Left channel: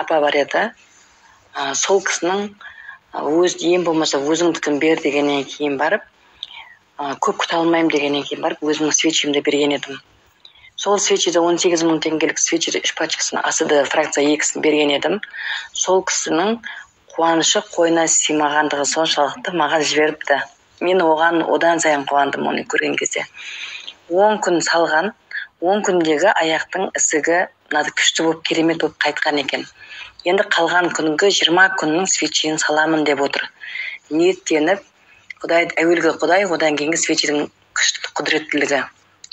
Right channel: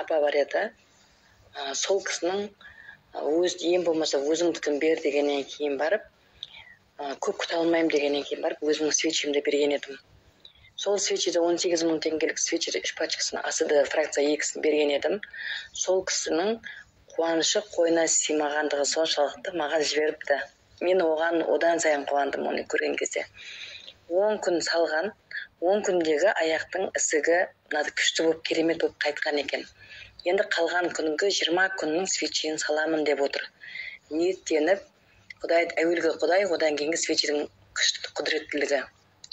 апа бар еді. Сол кісінің өз ең болмаса өзіңдікін бер дегеннен кейін барып, көп күте алмаймын дегеннен кейін барып, өзімнің свечемді берген едім. Сол свечеде 18 мың теңгелік свечеде 3 пачкасын АСД фракция 2-сін берген едім. Сол кісінің қуанышы қойнына сыймағандығы соншалықты маған жіберіпті. Мен одан сайын қуандым оны көрген кезде. 10 күн салған, 10 күндегі аяқтың ісігі күшті болып, керемет болып қайтқан екен. Енді қалған күнгі 20 күннің свечені саламын деп отыр. Ниеттеніп, әуелгі Құдай, одан кейінгі свеченің күшті құдіреттілігі.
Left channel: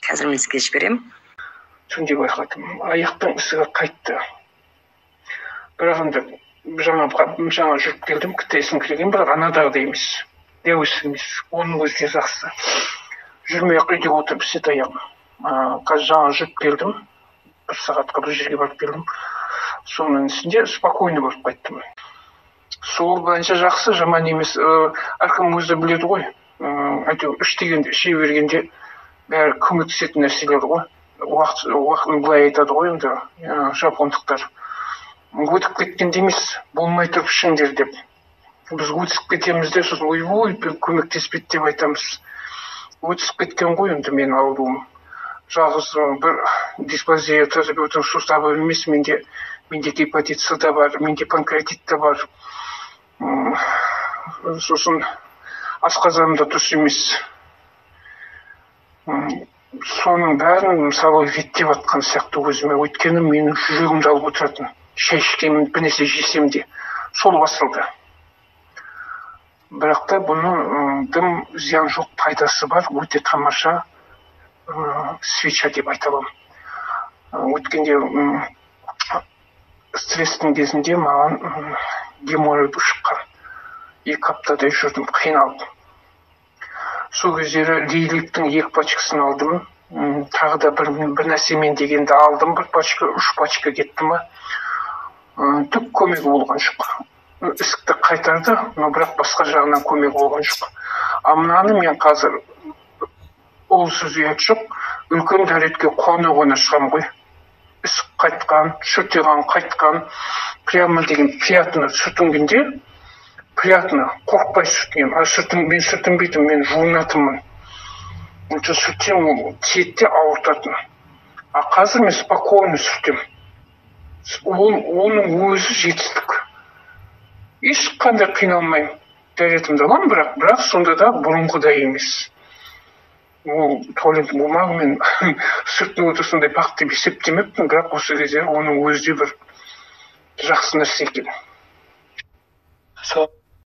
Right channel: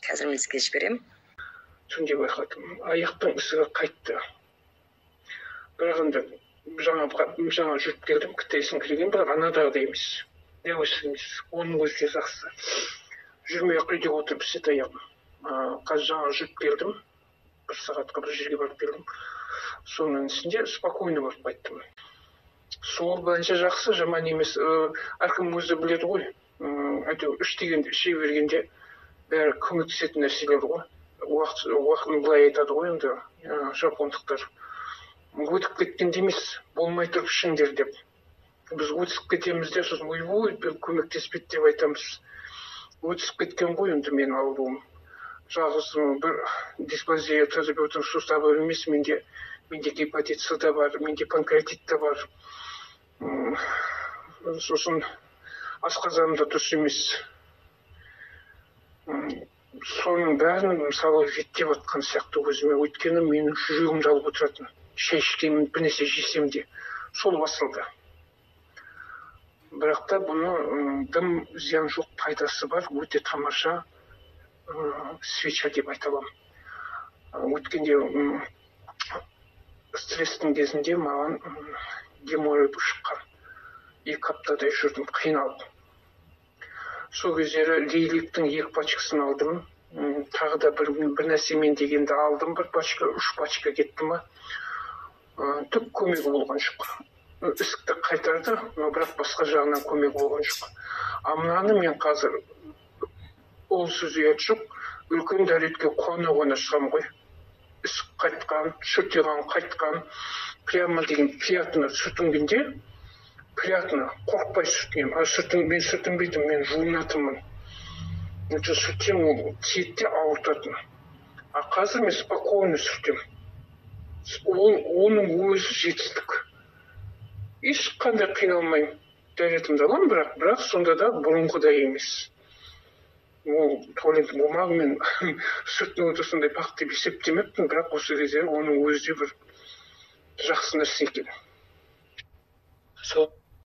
Қазір мен сізге жіберем. Түнде байқадым, аяқтың ісігі қайтты. Бірақ енді жаңа жүріп келдім, кітайсын келген, бірақ анадағыдай емес. Деуіс емес, оның өзі жақсы. Жүрмей үйде отырып істет аяғым. Қазір жаңа жүріп келдім, 1 сағатқа бір жерге барып келдім. Соның ішінде спокойно болып қайттым. Сол бойынша жақсы, жаман емес. Әркім өзі біледі ғой. Әйтеуір 3 дегенде, іше бергенде бәрі көмектесетін нәрселер ғой. Уақытын былай айтады ғой енді жапондықтар. Өтіп кеткенде емес, болмай тұрып ішіңдер деп. Біз өтісіп кетеміз де, сосын ой, көмектеспейді деп айтамыз. Өтісіп кеткен ғой енді мен ауруым. Жалғыз бір дисплазия тазабеудің суставы емес, менде гепатит С да бар, менде панкреатит та бар. Сосын асқазанымда дұрыс емес. Соның бәрін мысалы реттеп атқан сияқты өзіме, өйткені менің жүрегімді алып отыратын. Шай ішкенмін, бір нәрсе жесем де, сол басылды. Бірақ та бұның дым зиян жоқ, пайдасы бар, өте тамаша свеча деп айта аламын. Өткенде стресстің кезінде маған геморрой шыққан. 2 аптадай жүрдім, қиналып. Сол кездері лейликтің 2 пачкасын алдым. Тағы да бір нәрсемен дегенде алдым, 1 пачка, 3 пачка кетті ма. Түк көмегі болған жоқ. Ісікті қайтарды, но бірақ басқа жағынан көмегі болған жоқ. Мынаны мен қазір ол сөз ұят жоқ, үлкен дәретке қона шығам ғой. Ісік қайтқан, шүртеген қайтқан, прямо деген приятно сүртінгенде, приятно, қорқпай сүртінген. Мен сүртінбейтін, мен жуынатынмын. Сүртсем, тиетте ауыртатын. Қазір мен спокойно сүртем. Оның өзі жетістік. Ешқандай қиналмаймын. Дәретімді аламын, бірақ сонда да бұрынғыдай емес. Ол туалет бумағымен сүртініп отырсындай бақыт деп есептемеппін, бірақ осы кезде оның өзі бір жақсы нәрсе екен.